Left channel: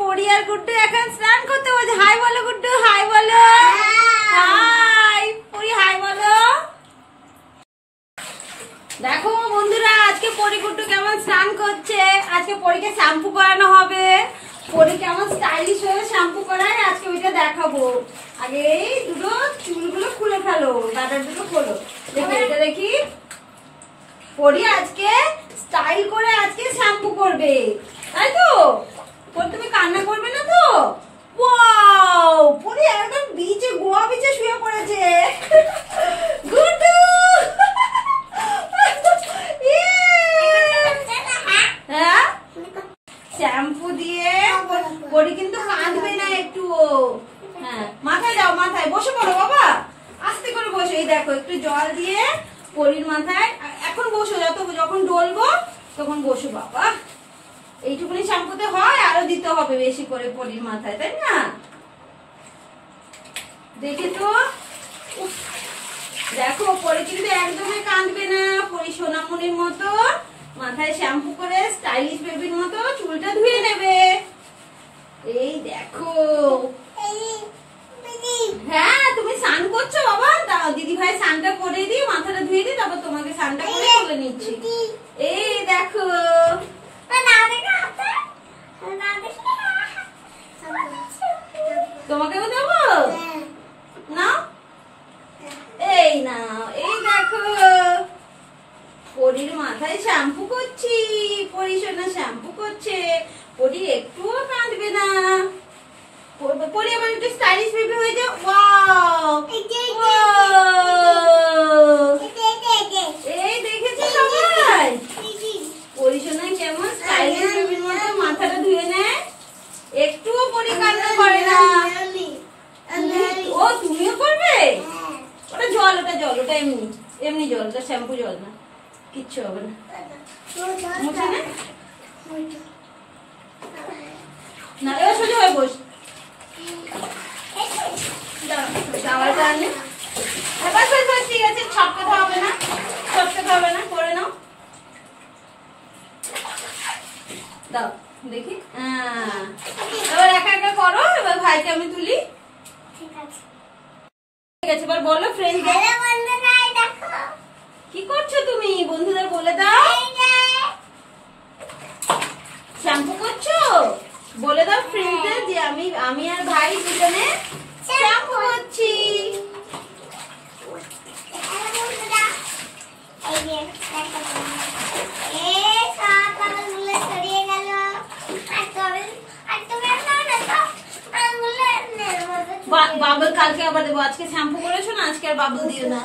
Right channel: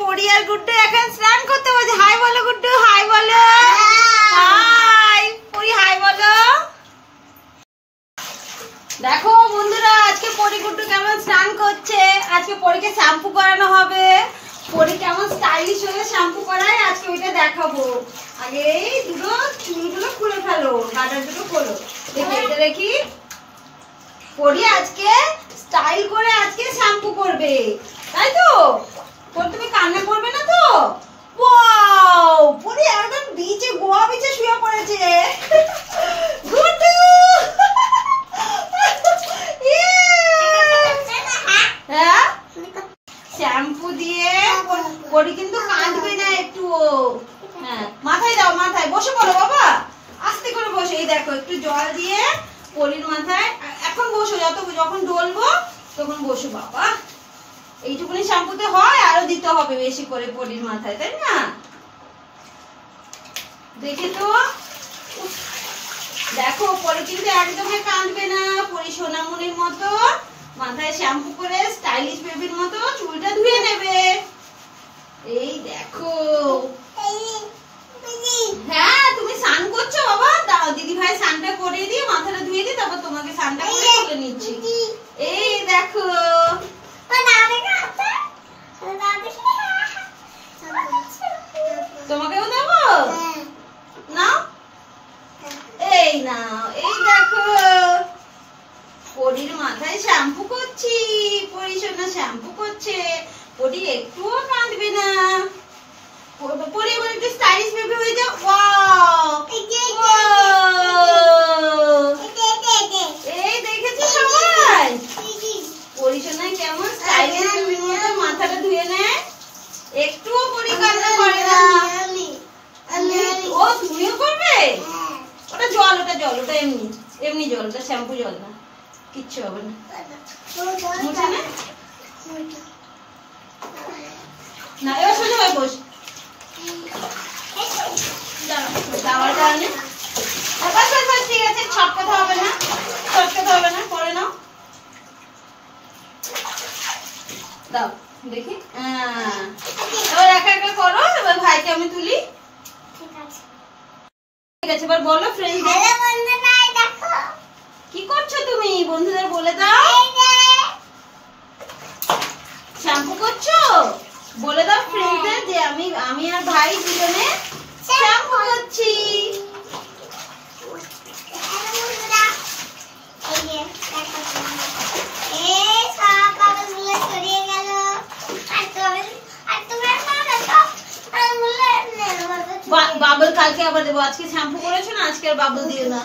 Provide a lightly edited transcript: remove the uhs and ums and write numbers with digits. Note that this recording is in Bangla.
পরি আর গুড্ডু এখন স্নান করতে বসে। হাই বলো গুড্ডু, হাই বলো। হাই পরি, হাই বলো। দেখো বন্ধুরা, আজকে পরি গুড্ডু কেমন স্নান করছে। আজকে পরীকে শ্যাম্পু করানো হবে। পরি কেমন স্টাইলিশ হয়ে শ্যাম্পু করায় আজকে ওইটা দেখাবো। আগে এই দুটো চুলগুলো খুলে ফেলো, গাটার দুটো খোলো। দেখি এটা দেখি। পরি আজকে স্টাইল করে আজকে শ্যাম্পু করবে, তাই তো? তুমি কান্না করবে না তো? ওয়াও, পরি একদম বিচে, গোয়া বিচে শুয়ে পড়েছে। গুড্ডু হ্যাঁ, শ্যাম্পু দিয়ে পরি কিন্তু কাঁদবে না একটু। হ্যাঁ, মাথায় দাও, মাথায় বসে পড়ো বাবা, আস্তে করে বসে। এই দেখো একটু জল দিয়ে পরির মাথায় এখন বসো, যখন ডলবো তখন বসো বাবা। এইটুকুনি শ্যাম্পুতে হয়, আরো দিতে হবে বেশি করে পরির মাথায়, তাই না? দেখে তো দেখো, পরি কিন্তু একদমই কাঁদবে না। পরি সোনামণির মতো মাথায় শ্যাম্পু করে স্টাইলিশ বেবির মতো চুলটা ধুয়ে নেবে। এই দেখো। হ্যাঁ, তুমি স্নান করছো বাবা? দাঁড়াও, দিদি ভাই স্নানটা করিয়ে দিয়ে মাথাটা ধুয়ে দিই, তারপর তোমাকে স্নানটা করে তুলে নিচ্ছি। এই দেখো। তোমাকেও দেবো না? এই নাও, এই দেখো পরির মাথায় শ্যাম্পু করছি। পরি সোনা শ্যাম্পু করছে। পরি একটুও কাঁদবে না। পরি আবার একটু স্টাইলিশ বেবি হয়ে যাও। ওয়াও, এই দেখেছো সবাই পরি সোনা কেমন স্টাইলিশ বেবির মতো মাথাটা ধুয়ে নেয়, একটুও পরি কান্না করে না। ও তুমিও করবে? ওটা জল, ওটা জল, ওটা এমনি এমনি জল, ওটা শ্যাম্পু জল না, কিচ্ছু হবে না। মুছে নে না, এবার সোজা হয়ে বস। ঠিক আছে, ছটকাতে হবে না, ছটকাতে হবে না, করে নাও। দাও দেখি। এবার একা একা করো। এবার ভাইকে আমি তুলি। ঠিক আছে, এবার বলো ফ্রেন্ড। কি করছো তুমি? বন্ধুদের বলে দাও। শ্যাম্পু করছো? বলে দাও ফ্রেন্ডদের যে আমি আর ভাই দুজনে শ্যাম্পু করছি। বাবল কালকে আবার দেবো। আজকে শ্যাম্পু করেছো না, আজকে আর বাবল দিও না।